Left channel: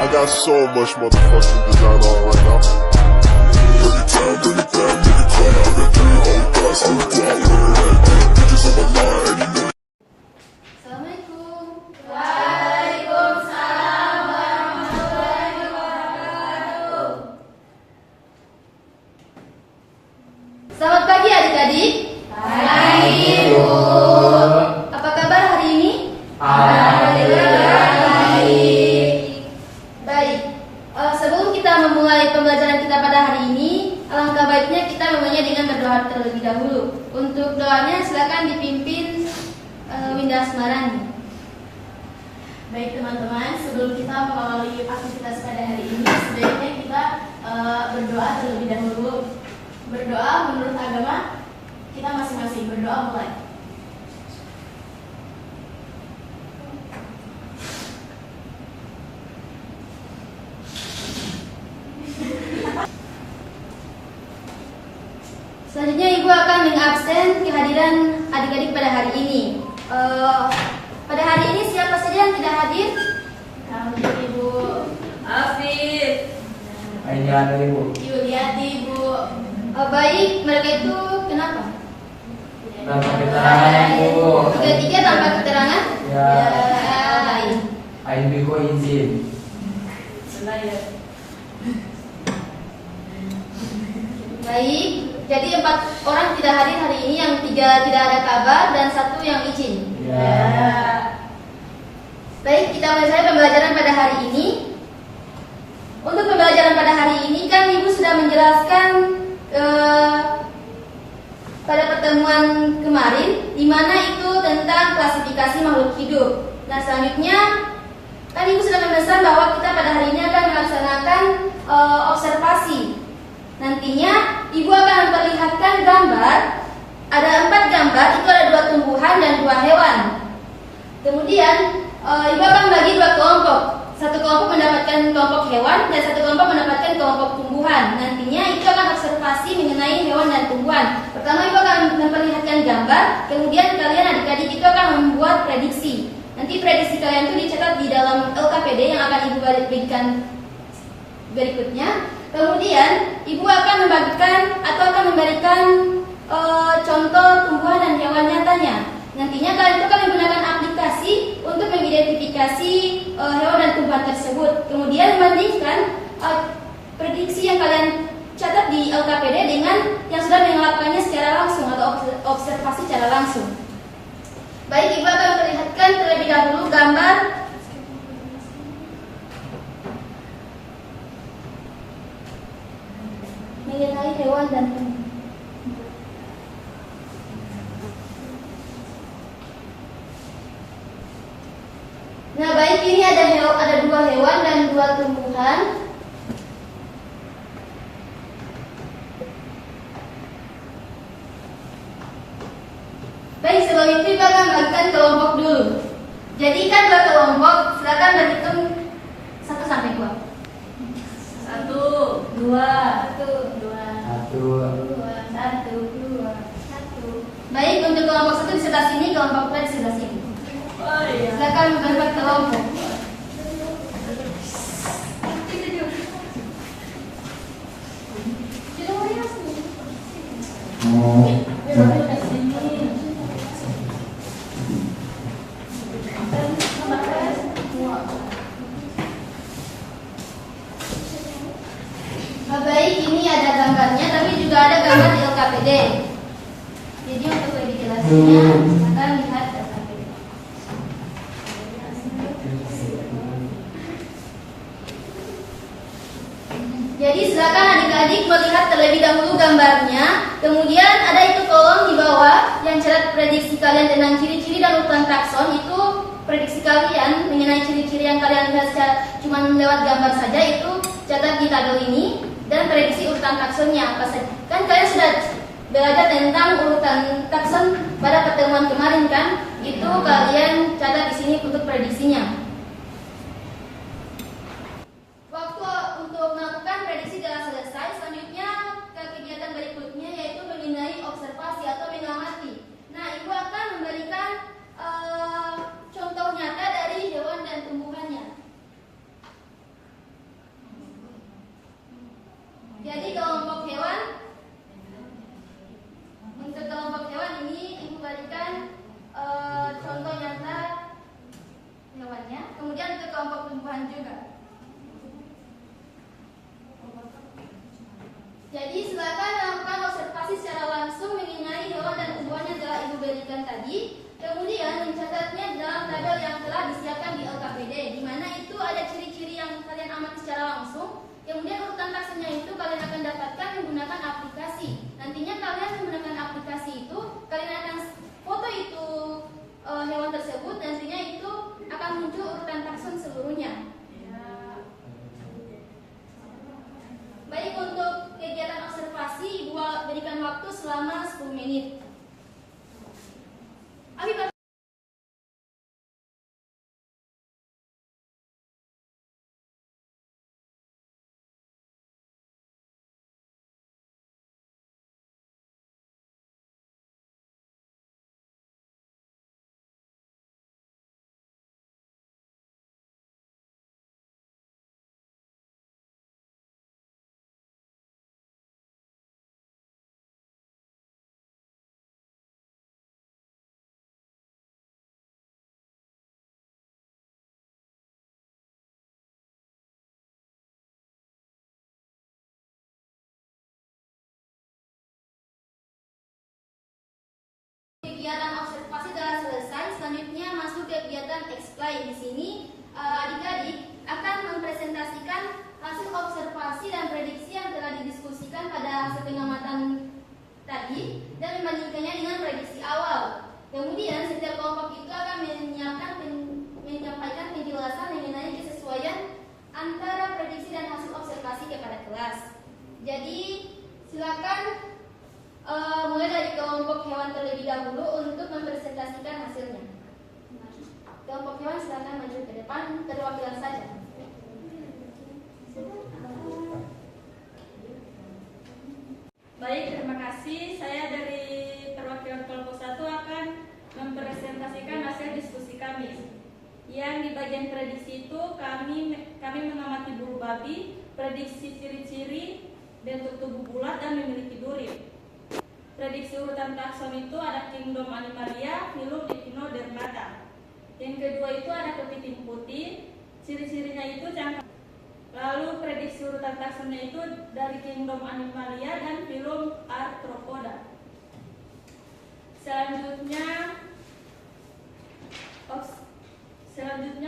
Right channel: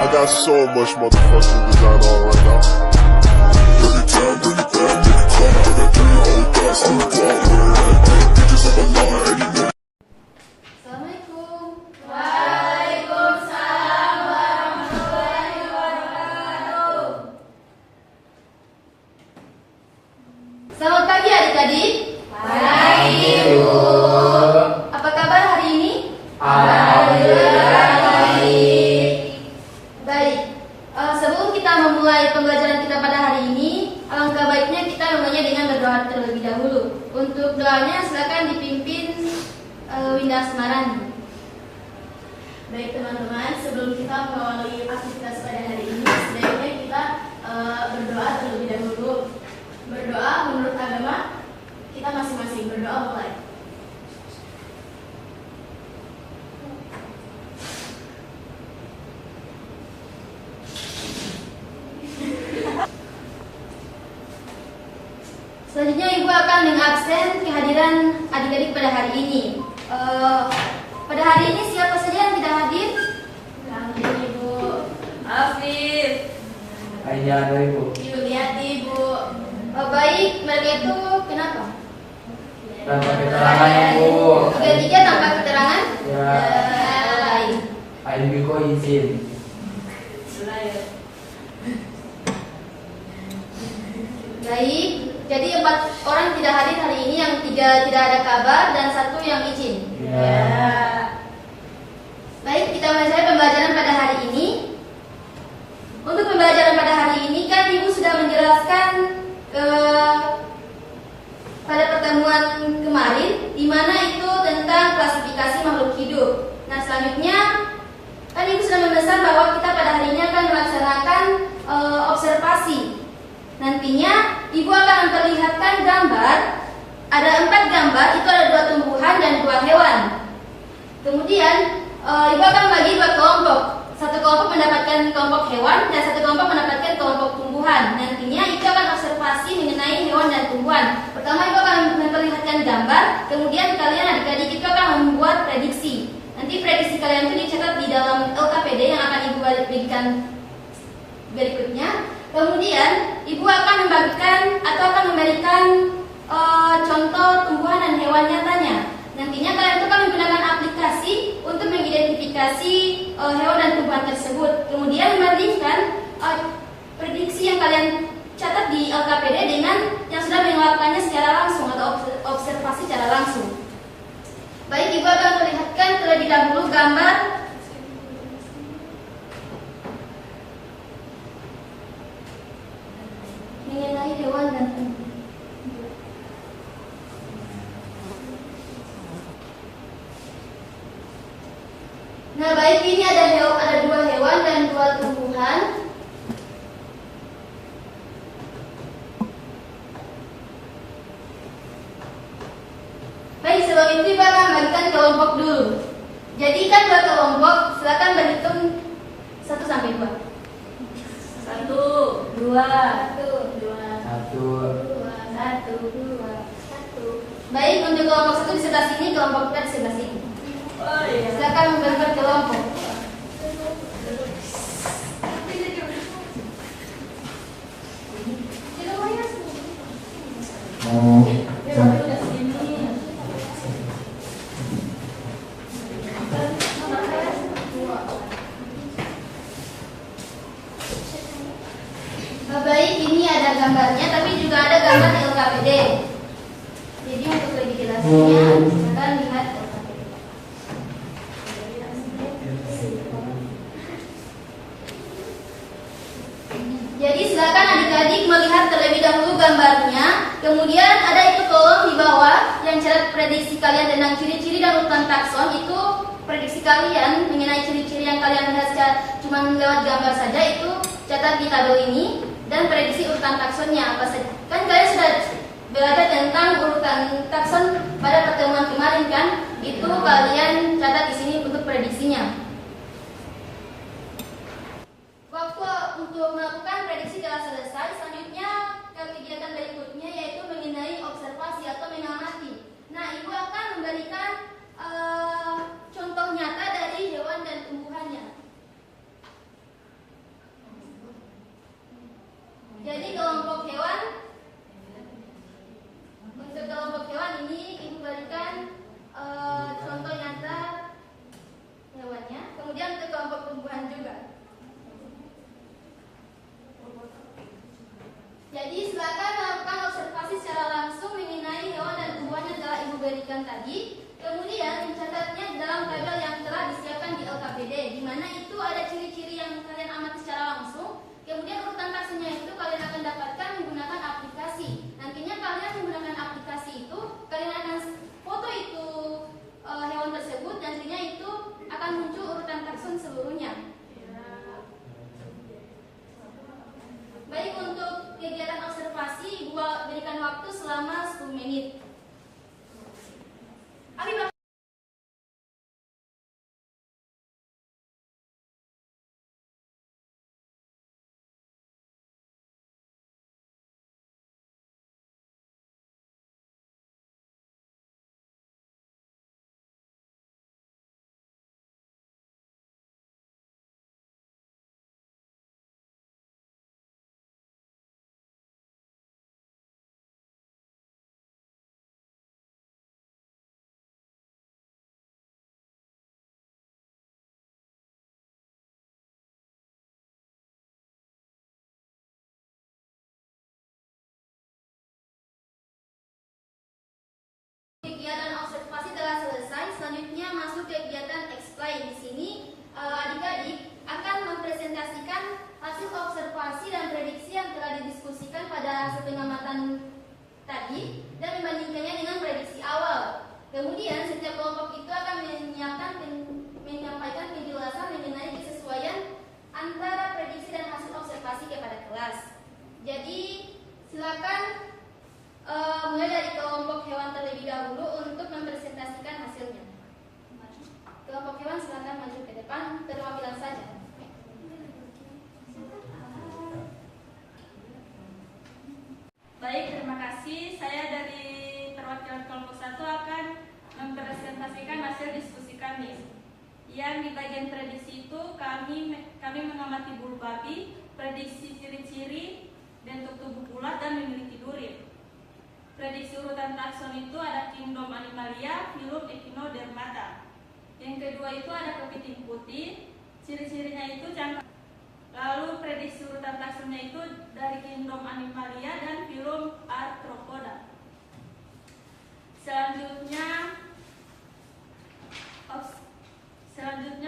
I got so much motherfucking design on right now. Bring it down, bring it down, make it clap. I got 3 whole thoughts to the block. Bitches on my line, and you know. Assalamualaikum. Waalaikumsalam warahmatullahi wabarakatuh. Selamat pagi adik-adik. Pagi, Bu. Apa kabar hari ini? Alhamdulillah baik. Baik. Sebelum kita memulai pembelajaran kita pada hari ini, alangkah baiknya kita memulainya dengan berdoa terlebih dahulu. Untuk doanya silakan dipimpin Winda Asmarani. Baik teman-teman, sebelum kita mengawali aktivitas pada hari ini, sebaiknya kita berdoa terlebih dahulu. Berdoa menurut agama kita masing-masing. Berdoa mulai. Selanjutnya Ibu akan mengabsen kehadiran adik-adik pada hari ini. Pada hari ini siapa saja yang tidak hadir? Kami Ibu Afif. Ayo ada Ibu. Yuliati, Bu. Baik, mereka itu kenapa? Tanpa keterangan Ibu. Tiga-tiga tanpa keterangan? Ya. Baik. Ayo Biko izin. Selayar. Baik, jadi 4 orang tidak hadir hari ini, yang 3 tidak ada kabar dan 1 yang izin. Ya. Baik, kita mulai pembelajaran pada hari ini. Untuk pembelajaran pada hari ini kan Ibu sudah menjelaskan pada pertemuan kemarin, di mana itu tentang klasifikasi makhluk hidup. Nah, selanjutnya kan Ibu sudah memesan bahwa kita pada hari ini akan melaksanakan observasi. Nantinya Ibu akan memperlihatkan gambar. Ada 4 gambar, itu ada 2 tumbuhan dan 2 hewan. Kemudian Ibu akan membagi 2 kelompok. Satu kelompok mendapatkan kelompok hewan dan satu kelompok mendapatkan kelompok tumbuhan. Nantinya Ibu akan observasi mengenai hewan dan tumbuhan. Pertama Ibu akan memperlihatkan gambar, kemudian kalian adik-adik itu akan membuat prediksi. Nanti prediksi kalian itu dicatat di dalam LKPD yang akan Ibu berikan berikutnya. Kemudian Ibu akan membagikan atau akan memberikan contoh tumbuhan dan hewan nyatanya. Nantinya kalian itu akan menggunakan aplikasi untuk mengidentifikasi hewan dan tumbuhan tersebut. Kemudian membandingkan prediksi yang kalian catat di LKPD dengan yang sudah melakukannya secara langsung atau observasi secara langsung. Baik, Ibu akan melihatkan terlebih dahulu gambar mengenai hewan dan tumbuhan. Nah, baik, ini ada 2 hewan dan 2 tumbuhan. Baik, sebelum itu Ibu akan bagikan kelompok dulu. Jadikan 2 kelompok, silakan berhitung 1 sampai 2. 1, 2, 1. Baik, untuk kelompok 1 di sebelah sini, kelompok 2 di sebelah sini. Oh iya. Silakan membentuk kelompok. Baik, ini ada gambarnya, tapi juga ada gambar di LKPD. Jadi untuk lebih jelasnya, silakan lihat LKPD. Jadi silakan adik-adik melihat terlebih dahulu gambarnya. Kemudian ada itu kolom di bawah yang catat prediksi kalian tentang ciri-ciri dan urutan takson. Itu prediksi kalian mengenai ciri-ciri yang kalian lihat cuma lewat gambar saja, itu catat di tabel ini. Dan prediksi urutan taksonnya apa saja. Kan kalian sudah belajar tentang urutan takson pada pertemuan kemarin kan? Itu kalian catat di sini untuk prediksinya. Waktu untuk melakukan prediksi telah selesai. Selanjutnya ke kegiatan berikutnya, yaitu mengenai observasi atau mengamati. Nah, Ibu akan memberikan contoh nyata dari hewan dan tumbuhannya. kelompok tumbuhan juga. Jadi silakan lakukan observasi secara langsung mengenai hewan dan tumbuhan yang telah Ibu berikan tadi. Kemudian mencatatnya di dalam tabel yang telah disiapkan di LKPD, di mana itu ada ciri-ciri yang kalian amati secara langsung. Kemudian urutan taksonnya itu kalian akan dapatkan menggunakan aplikasi. Nantinya kalian menggunakan aplikasi itu, kalian akan foto itu hewan tersebut, nantinya itu akan muncul urutan takson seluruhnya. Baik, untuk kegiatan observasi Ibu berikan waktu selama 10 menit. Abi, kegiatan observasi telah selesai. Selanjutnya masuk kegiatan explain. Di sini adik-adik akan mempresentasikan hasil observasi dan prediksi yang telah didiskusikan pada pengamatan tadi dan membandingkannya dengan prediksi awal. Kemudian setiap kelompok itu akan menyampaikan penjelasan mengenai kesesuaian antara prediksi dan hasil observasi kepada kelas. Jadi silakan mulai dari kelompok hewan terlebih dahulu untuk mempresentasikan hasilnya. Kelompok hewan silakan maju ke depan, perwakilan saja. Baik, terima kasih. Saya dari perwakilan kelompok 1 akan mempresentasikan hasil diskusi kami. Yang di bagian prediksi itu kami mengamati bulu babi, prediksi ciri-ciri, bentuk tubuh bulat dan memiliki duri. Prediksi urutan takson itu ada kingdom Animalia, filum Echinodermata. Yang kedua itu ada kepiting putih, ciri-cirinya itu cangkang. Lalu prediksi urutan taksonnya itu dari kingdom Animalia dan filum Arthropoda. Selanjutnya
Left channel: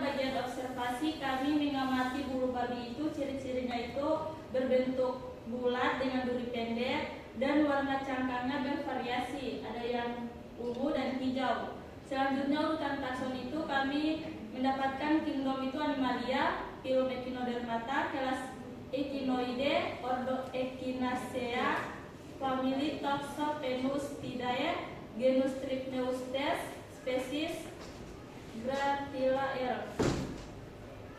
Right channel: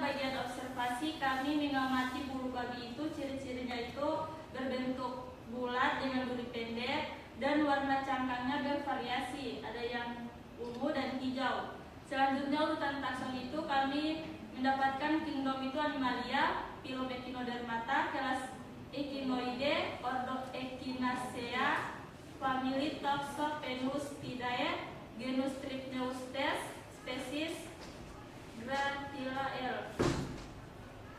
bagian observasi, kami mengamati bulu babi itu, ciri-cirinya itu berbentuk bulat dengan duri pendek dan warna cangkangnya bervariasi, ada yang ungu dan hijau. Selanjutnya urutan takson itu kami mendapatkan kingdom itu Animalia, filum Echinodermata, kelas Echinoidae, ordo Echinacea, famili Toxophaenuspidae, genus Trypneustes, spesies Gratilael.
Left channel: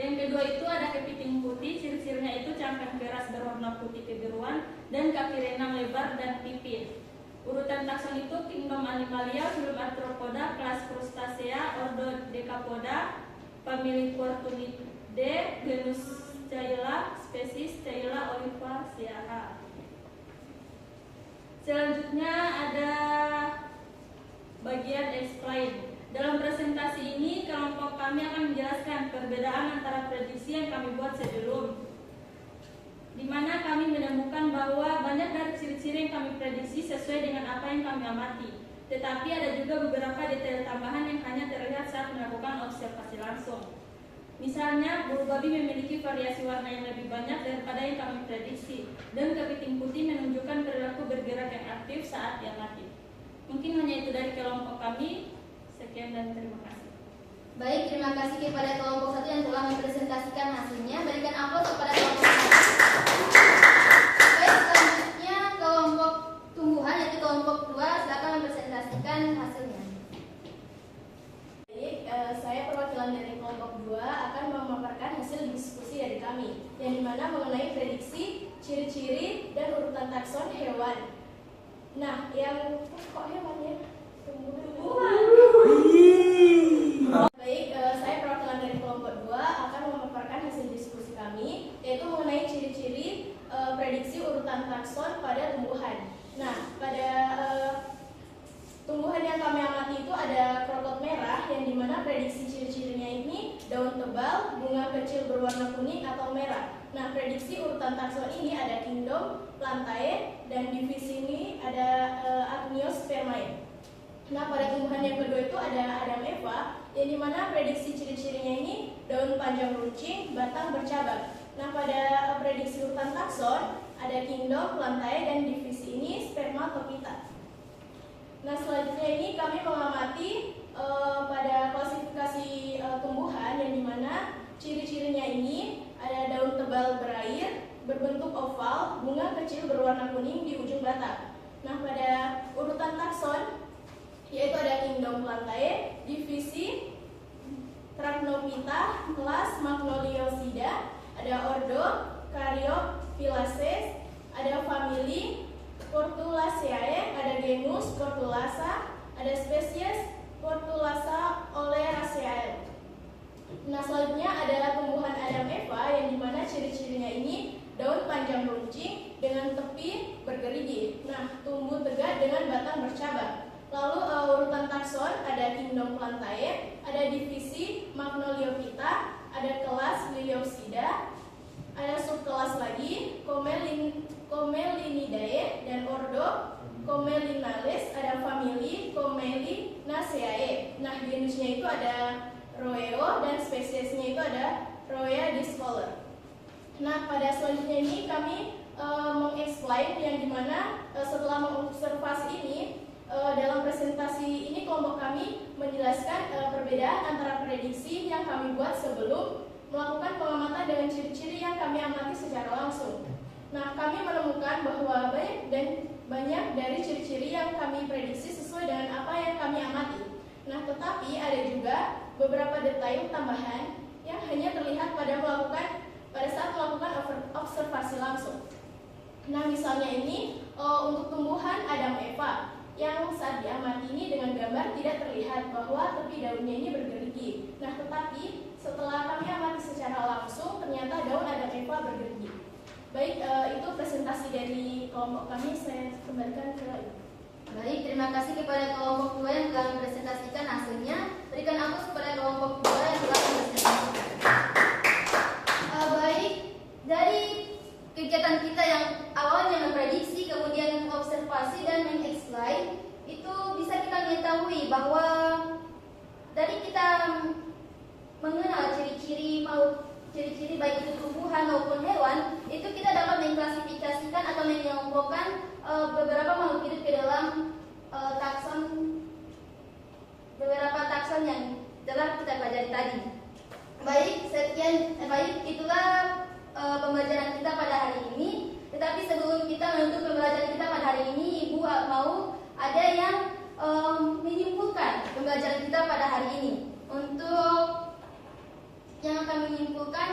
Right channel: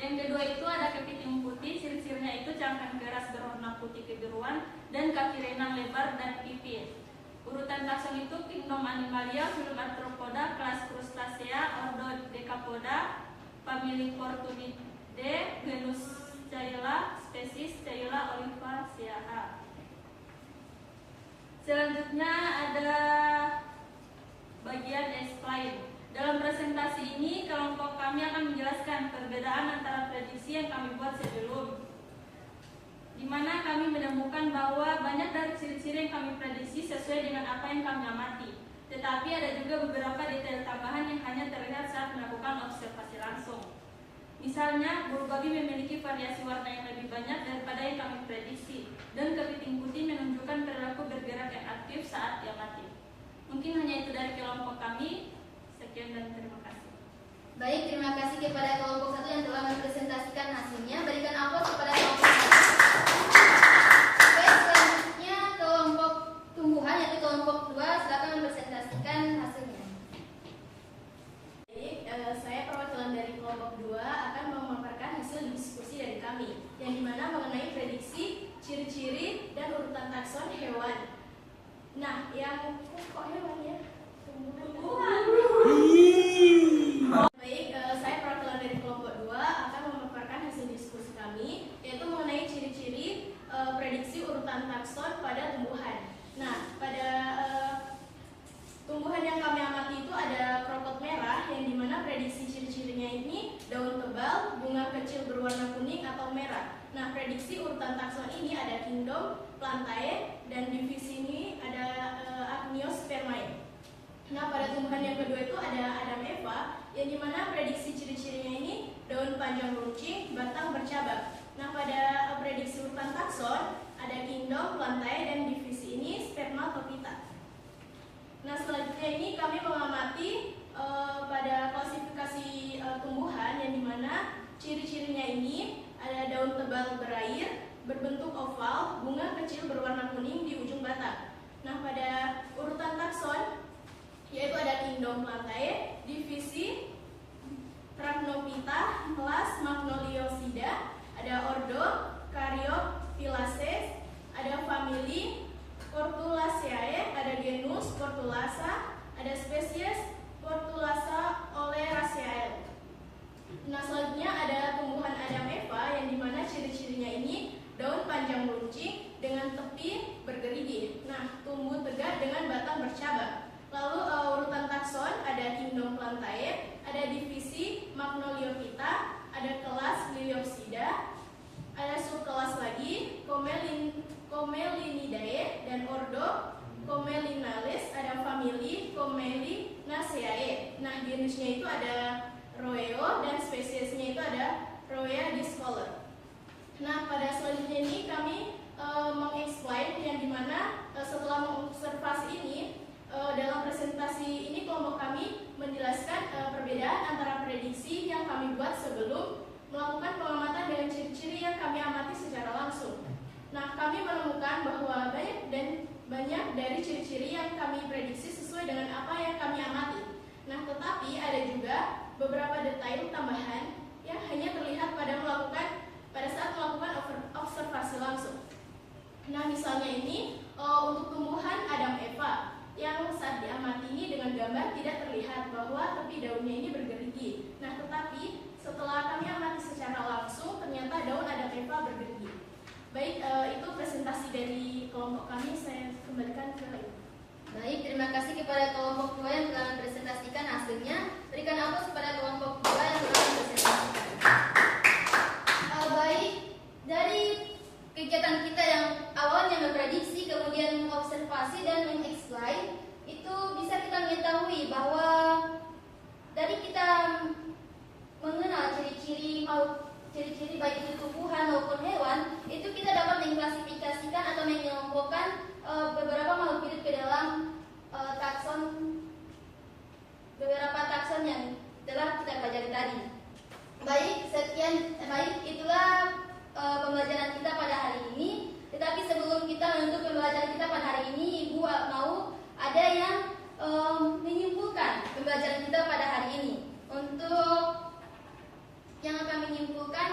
Yang kedua itu ada kepiting putih, ciri-cirinya itu cangkang keras berwarna putih kebiruan dan kaki renang lebar dan pipih. Urutan takson itu kingdom Animalia, filum Arthropoda, kelas Crustacea, ordo Decapoda, famili Fortunidae, genus Caela, spesies Caela olivaceae. Selanjutnya ada bagian explain. Dalam presentasi ini, kelompok kami akan menjelaskan perbedaan antara prediksi yang kami buat sebelum, di mana kami menemukan bahwa banyak dari ciri-ciri yang kami prediksi sesuai dengan apa yang kami amati. Tetapi ada juga beberapa detail tambahan yang hanya terlihat saat melakukan observasi langsung. Misalnya, bulu babi memiliki variasi warna yang lebih banyak daripada yang kami prediksi, dan kepiting putih menunjukkan perilaku bergerak yang aktif saat diamati. Mungkin hanya itu dari kelompok kami. Sekian dan terima kasih. Baik, terima kasih kepada kelompok 1 yang telah mempresentasikan hasilnya. Berikan aplaus kepada kelompok 1. Baik, selanjutnya kelompok tumbuhan yaitu kelompok 2, silakan mempresentasikan hasilnya. Baik, saya perwakilan dari kelompok 2 akan memaparkan hasil diskusi dari kami, yang dimana mengenai prediksi, ciri-ciri, dan urutan takson hewan. Nah, yang kok hewan ya? Tumbuhan. Baik, saya perwakilan dari kelompok 2 akan memaparkan hasil diskusi kami, yaitu mengenai ciri-ciri prediksi urutan takson pada tumbuhan. Nah, pada tumbuhan yang kami amati itu ada krotot merah, yang dimana prediksi ciri-cirinya ini daun daun tebal, bunga kecil berwarna kuning atau merah. Nah, prediksi urutan takson ini ada kingdom, plantae, dan divisi ini ada Agniosphermae. Nah, pada tumbuhan yang kedua itu ada Adam Eva, yang dimana prediksi ciri-cirinya ini daun panjang runcing, batang bercabang. Nah, pada prediksi urutan takson ada kingdom, plantae, dan divisi ini Spermatophyta. Nah, selanjutnya ini kami mengamati pada klasifikasi tumbuhan yang dimana ciri-cirinya ini ada daun tebal berair, berbentuk oval, bunga kecil berwarna kuning di ujung batang. Nah, pada urutan takson yaitu ada kingdom plantae, divisi Thracnophyta, kelas Magnoliosida, ada ordo Caryophyllaceae, ada famili Portulaceae, ada genus Portulasa, ada spesies Portulasa oleracea. Nah, selanjutnya ada tumbuhan Adam Eva yang dimana ciri-cirinya ini daun panjang runcing dengan tepi bergerigi. Nah, tumbuh tegak dengan batang bercabang. Lalu urutan takson ada kingdom plantae, ada divisi Magnoliophyta, ada kelas Liliopsida, ada subkelas lagi Comelinidae dan ordo Comelinales, ada famili Comelinaceae. Nah, genusnya itu ada Roeo dan spesiesnya itu ada Roea discolor. Nah, pada selanjutnya ini kami mengexplain yang dimana setelah mengobservasi ini dalam presentasi ini kelompok kami menjelaskan perbedaan antara prediksi yang kami buat sebelum melakukan pengamatan dengan ciri-ciri yang kami amati secara langsung. Nah, kami menemukan bahwa banyak dari ciri-ciri yang kami prediksi sesuai dengan apa yang kami amati. Nah, tetapi ada juga beberapa detail tambahan yang hanya terlihat pada saat melakukan observasi langsung. Nah, misalnya ini untuk tumbuhan Adam Eva yang saat diamati ini dengan gambar tidak terlihat bahwa tepi daunnya ini bergerigi. Nah, tetapi setelah kami amati secara langsung ternyata daun Adam Eva bergerigi. Baik, itu presentasi dari kelompok kami. Saya kembalikan ke Ibu. Baik, terima kasih kepada kelompok 2 yang telah mempresentasikan hasilnya. Berikan aplaus kepada kelompok 2 yang telah mempresentasikan. Baik, dari kegiatan kita yang awalnya memprediksi, kemudian mengobservasi dan mengexplain, itu bisa kita mengetahui bahwa dari kita mengenal ciri-ciri baik itu tumbuhan maupun hewan, itu kita dapat mengklasifikasikan atau mengelompokkan beberapa makhluk hidup ke dalam beberapa takson yang telah kita pelajari tadi. Baik, itulah pembelajaran kita pada hari ini. Tetapi sebelum kita menutup pembelajaran kita pada hari ini, Ibu mau ada yang menyimpulkan pembelajaran kita pada hari ini. Untuk yang akan menyimpulkan,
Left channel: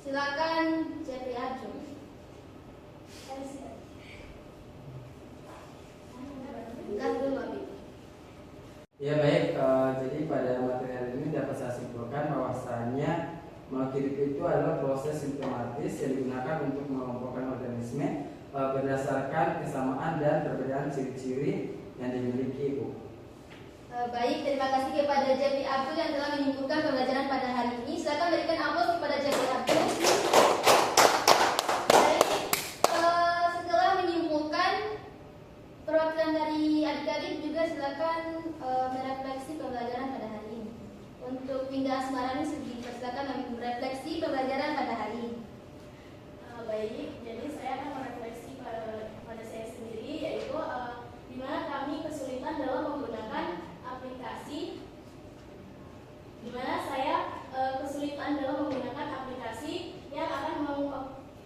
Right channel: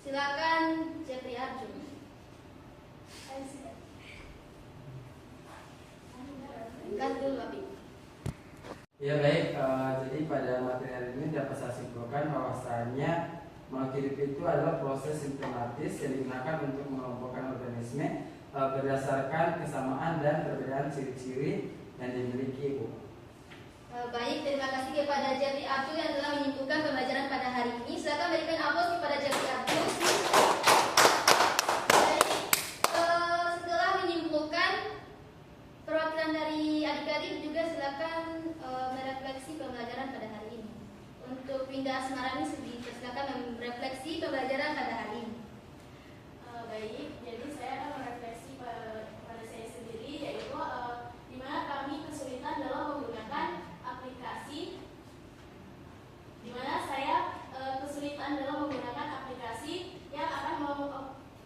silakan Jeffrey Arjun. Ya baik, jadi pada materi hari ini dapat saya simpulkan bahwasanya makhluk hidup itu adalah proses sistematis yang digunakan untuk mengelompokkan organisme berdasarkan kesamaan dan perbedaan ciri-ciri yang dimiliki, Bu. Baik, terima kasih kepada Jeffrey Abdul yang telah menyimpulkan pembelajaran pada hari ini. Silakan berikan aplaus kepada Jeffrey Abdul. Baik, setelah menyimpulkan perwakilan dari adik-adik juga silakan merefleksi pembelajaran pada hari ini. Untuk Winda Asmarani silakan merefleksi pembelajaran pada hari ini. Baik, jadi saya akan merefleksi pada saya sendiri, yaitu di mana kami kesulitan dalam menggunakan aplikasi, di mana saya kesulitan dalam menggunakan aplikasi yang akan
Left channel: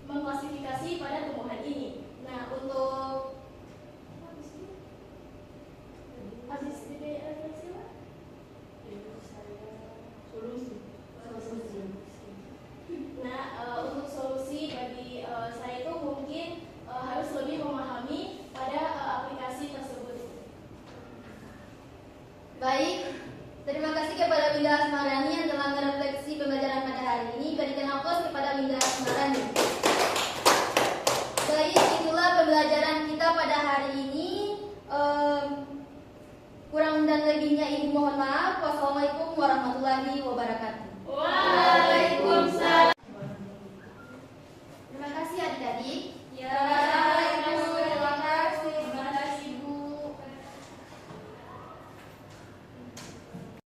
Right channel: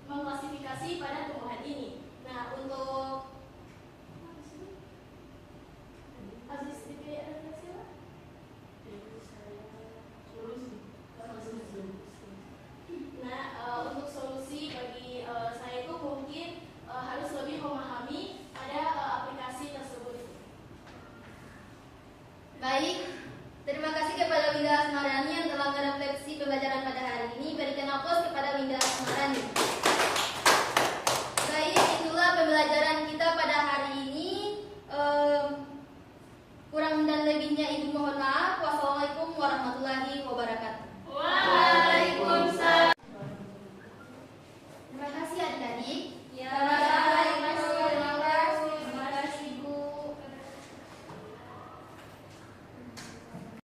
mengklasifikasi pada tumbuhan ini. Nah, untuk habis refleksi lah. Nah, untuk solusi bagi saya itu mungkin harus lebih memahami pada aplikasi tersebut. Baik, terima kasih kepada Winda Asmarani yang telah merefleksi pembelajaran pada hari ini. Berikan aplaus kepada Winda Asmarani. Baik, itulah pembelajaran kita pada hari ini. Kurang dan lebihnya Ibu mohon maaf. Wassalamualaikum warahmatullahi wabarakatuh.